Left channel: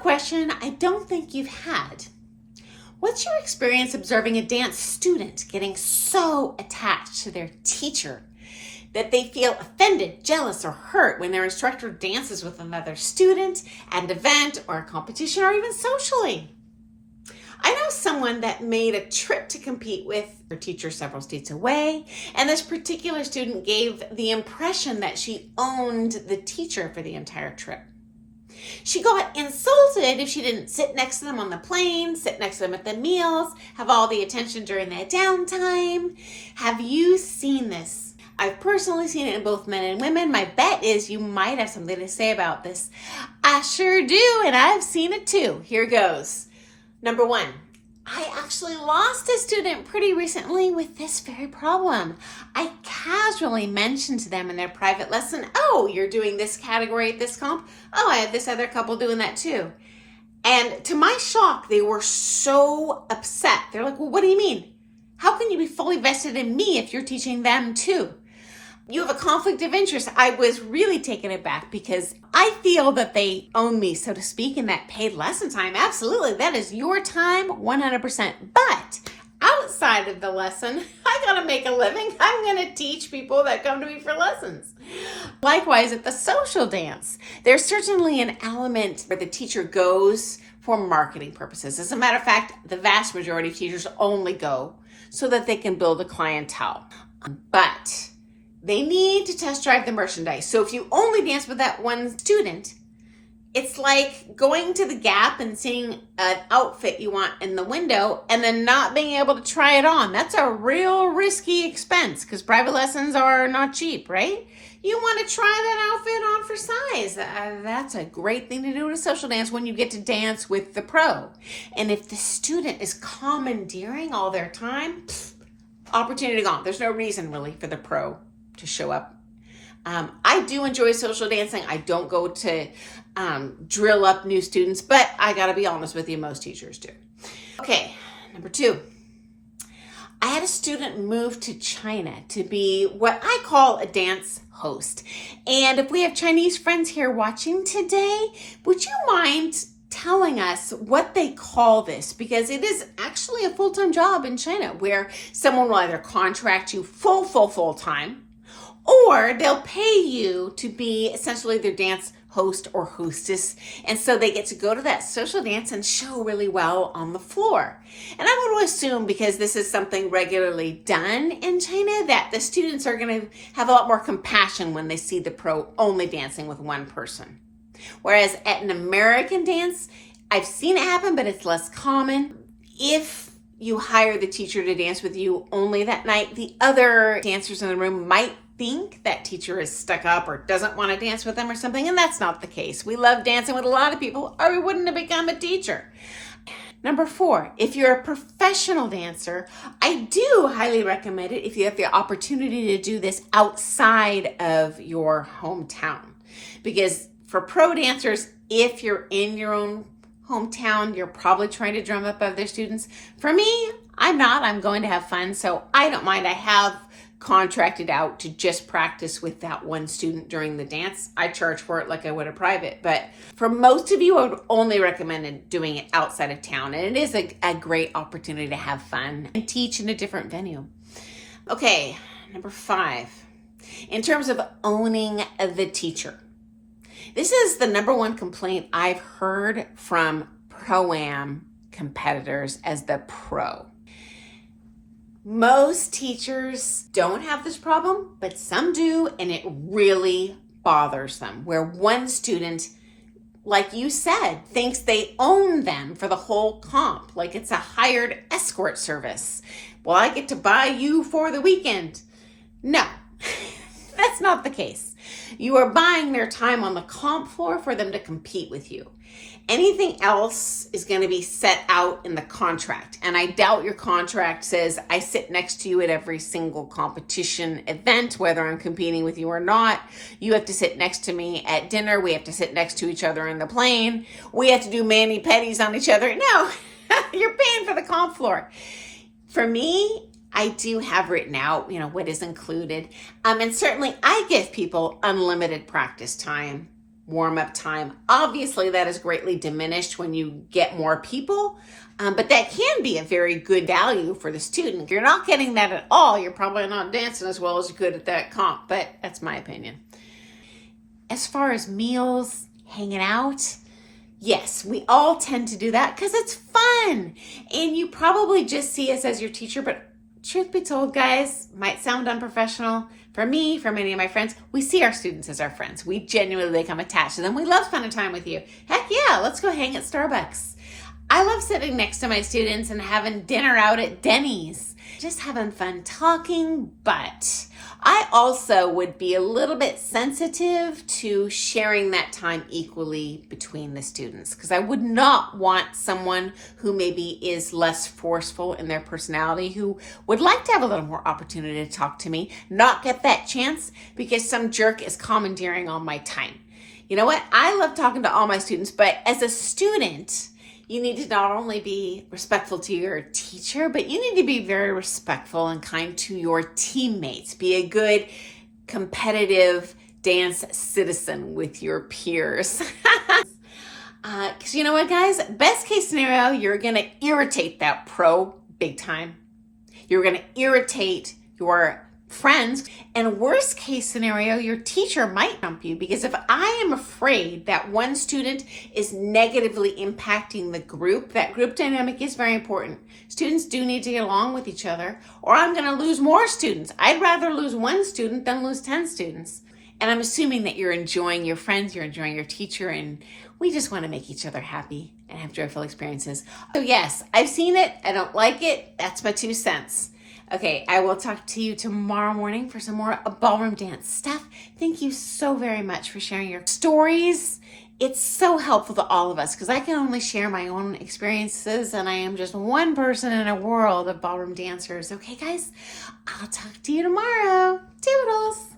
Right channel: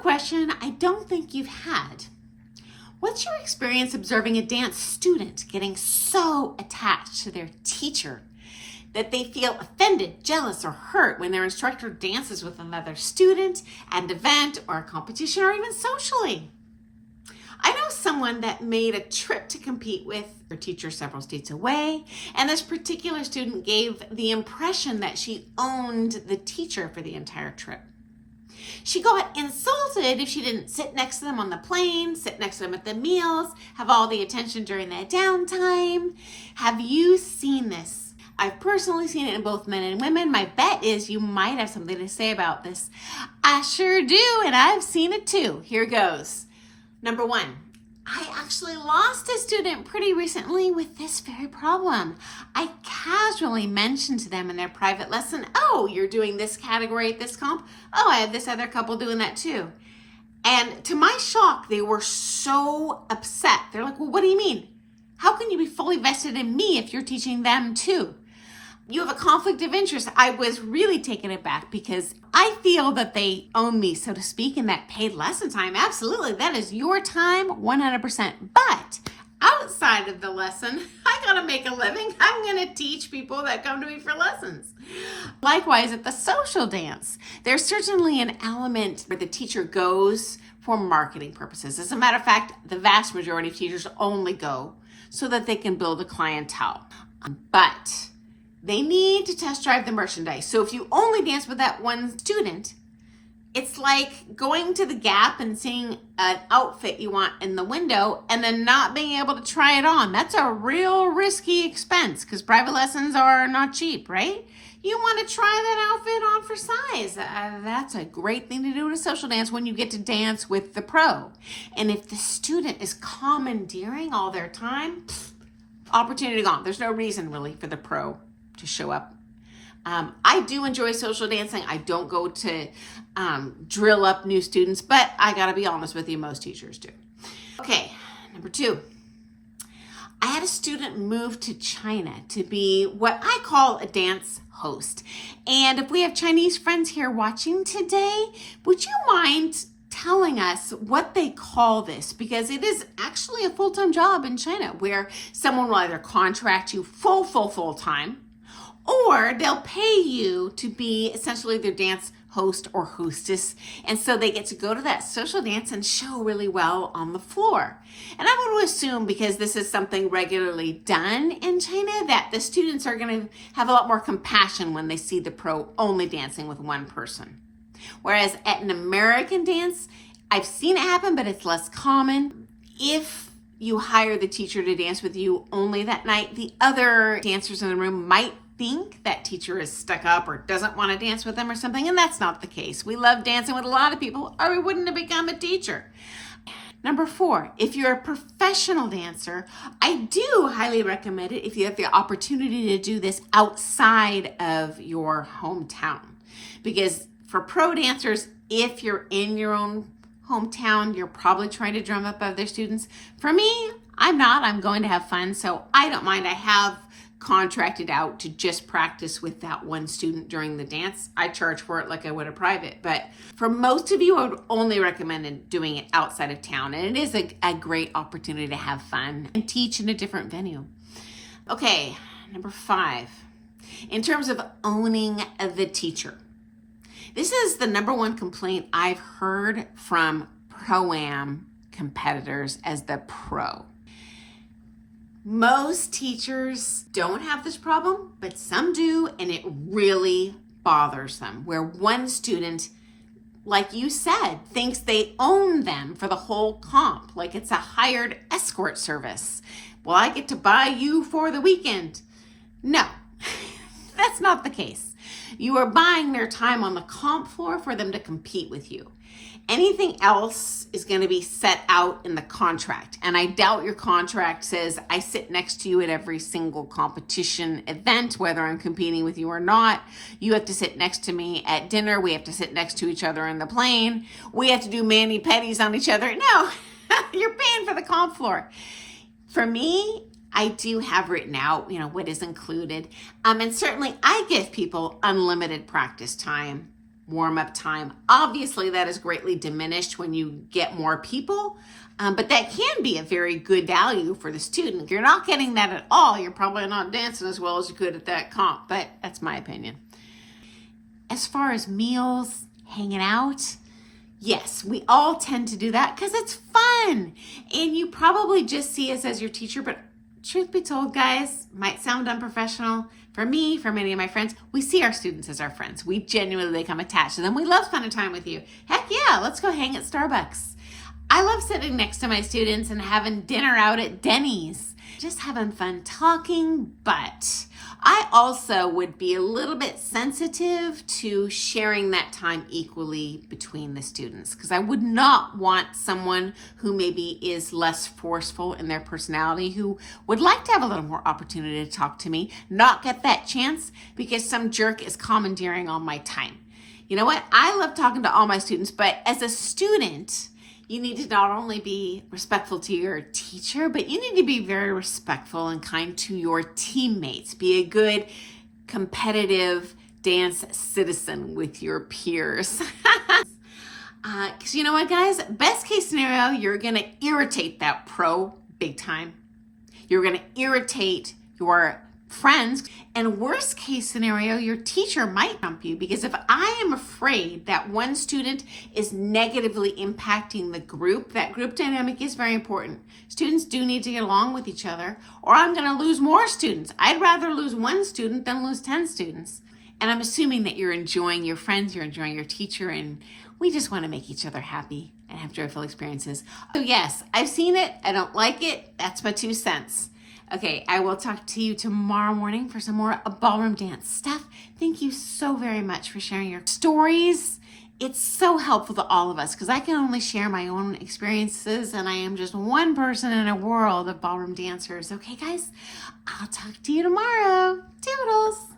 question I don't think you've had. What's your experience observing a dance student getting so attached to their teacher that they feel offended, jealous, or hurt when their instructor dances with another student at an event or a competition or even socially? I know someone that made a trip to compete with her teacher several states away, and this particular student gave the impression that she owned the teacher for the entire trip. She got insulted if she didn't sit next to them on the plane, sit next to them at the meals, have all the attention during their downtime. Have you seen this? I've personally seen it in both men and women. My bet is you might have something to say about this. I sure do, and I've seen it too. Here goes. Number one, I actually lost a student pretty recently with this very problem. I casually mentioned to them in their private lesson, oh, you're doing this category at this comp? Oh, I have this other couple doing that too. And to my shock, they were so upset. They're like, well, what do you mean? How can you be fully vested in me if you're teaching them too? You have a conflict of interest. I was really taken aback because I feel that they own me, so to speak, in that paid lesson time. Absolutely, that is your time, 100%. But outside of the lesson, I gotta make a living. I'm gonna teach people that come to me for lessons. Likewise, at the social dance, there's certainly an element where the teacher goes for marketing purposes. As a matter of fact, the vast majority of teachers only go so that they can build a clientele. But they need to test drive the merchandise. So if you only dance with that one student, it's like going to the Gap and seeing an outfit you want in the window and then not being able to try it on. That's a real risky expense because private lessons are not cheap, right? You want to try that outfit on for size. That's a great thing to do at a social dance when you get to dance with the pro. And if the student is commandeering all their time, opportunity gone. There's no reason really for the pro to show up. I do enjoy social dancing. I don't go to drill up new students, but I gotta be honest with you, most teachers do. Okay, number two. I had a student move to China to be what I call a dance host. And if we have Chinese friends here watching today, would you mind telling us what they call this? Because it is actually a full-time job in China where someone will either contract you full time, or they'll pay you to be essentially their dance host or hostess. And so they get to go to that social dance and show really well on the floor. And I'm going to assume, because this is something regularly done in China, that the students are going to have a lot more compassion when they see the pro only dancing with one person. Whereas at an American dance, I've seen it happen, but it's less common. If you hire the teacher to dance with you only that night, the other dancers in the room might think that teacher is stuck up or doesn't want to dance with them or something, and that's not the case. We love dancing with a lot of people, or we wouldn't have become a teacher. Number four, if you're a professional dancer, I do highly recommend it if you have the opportunity to do this outside of your hometown. Because for pro dancers, if you're in your own hometown, you're probably trying to drum up other students. For me, I'm not. I'm going to have fun, so I don't mind. I have contracted out to just practice with that one student during the dance. I charge for it like I would a private, but for most of you, I would only recommend doing it outside of town. And it is a great opportunity to have fun and teach in a different venue. Okay, number five, in terms of owning the teacher. This is the number one complaint I've heard from Pro-Am competitors as the pro. Most teachers don't have this problem, but some do, and it really bothers them, where one student, like you said, thinks they own them for the whole comp, like it's a hired escort service. Well, I get to buy you for the weekend. No, that's not the case. You are buying their time on the comp floor for them to compete with you. Anything else is going to be set out in the contract. And I doubt your contract says, I sit next to you at every single competition event, whether I'm competing with you or not. You have to sit next to me at dinner. We have to sit next to each other in the plane. We have to do mani-pedis on each other. No, you're paying for the comp floor. For me, I do have written out, what is included. And certainly I give people unlimited practice time warm-up time. Obviously, that is greatly diminished when you get more people, but that can be a very good value for the student. If you're not getting that at all, you're probably not dancing as well as you could at that comp, but that's my opinion. As far as meals, hanging out, yes, we all tend to do that because it's fun. And you probably just see us as your teacher, but truth be told, guys, might sound unprofessional. For me, for many of my friends, we see our students as our friends. We genuinely become attached to them. We love spending time with you. Heck yeah, let's go hang at Starbucks. I love sitting next to my students and having dinner out at Denny's. Just having fun talking, but I also would be a little bit sensitive to sharing that time equally between the students because I would not want someone who maybe is less forceful in their personality, who would like to have a little more opportunity to talk to me, not get that chance because some jerk is commandeering on my time. You know what? I love talking to all my students, but as a student, you need to not only be respectful to your teacher, but you need to be very respectful and kind to your teammates. Be a good competitive dance citizen with your peers. Because you know what, guys? Best case scenario, you're going to irritate that pro big time. You're going to irritate your friends. And worst case scenario, your teacher might dump you, because if I am afraid that one student is negatively impacting the group, that group dynamic is very important. Students do need to get along with each other, or I'm going to lose more students. I'd rather lose one student than lose 10 students. And I'm assuming that you're enjoying your friends, you're enjoying your teacher, and we just want to make each other happy and have joyful experiences. So yes, I've seen it. I don't like it. That's my 2 cents. Okay, I will talk to you tomorrow morning for some more ballroom dance stuff. Thank you so very much for sharing your stories. It's so helpful to all of us because I can only share my own experiences and I am just one person in a world of ballroom dancers. Okay, guys, I'll talk to you tomorrow. Toodles.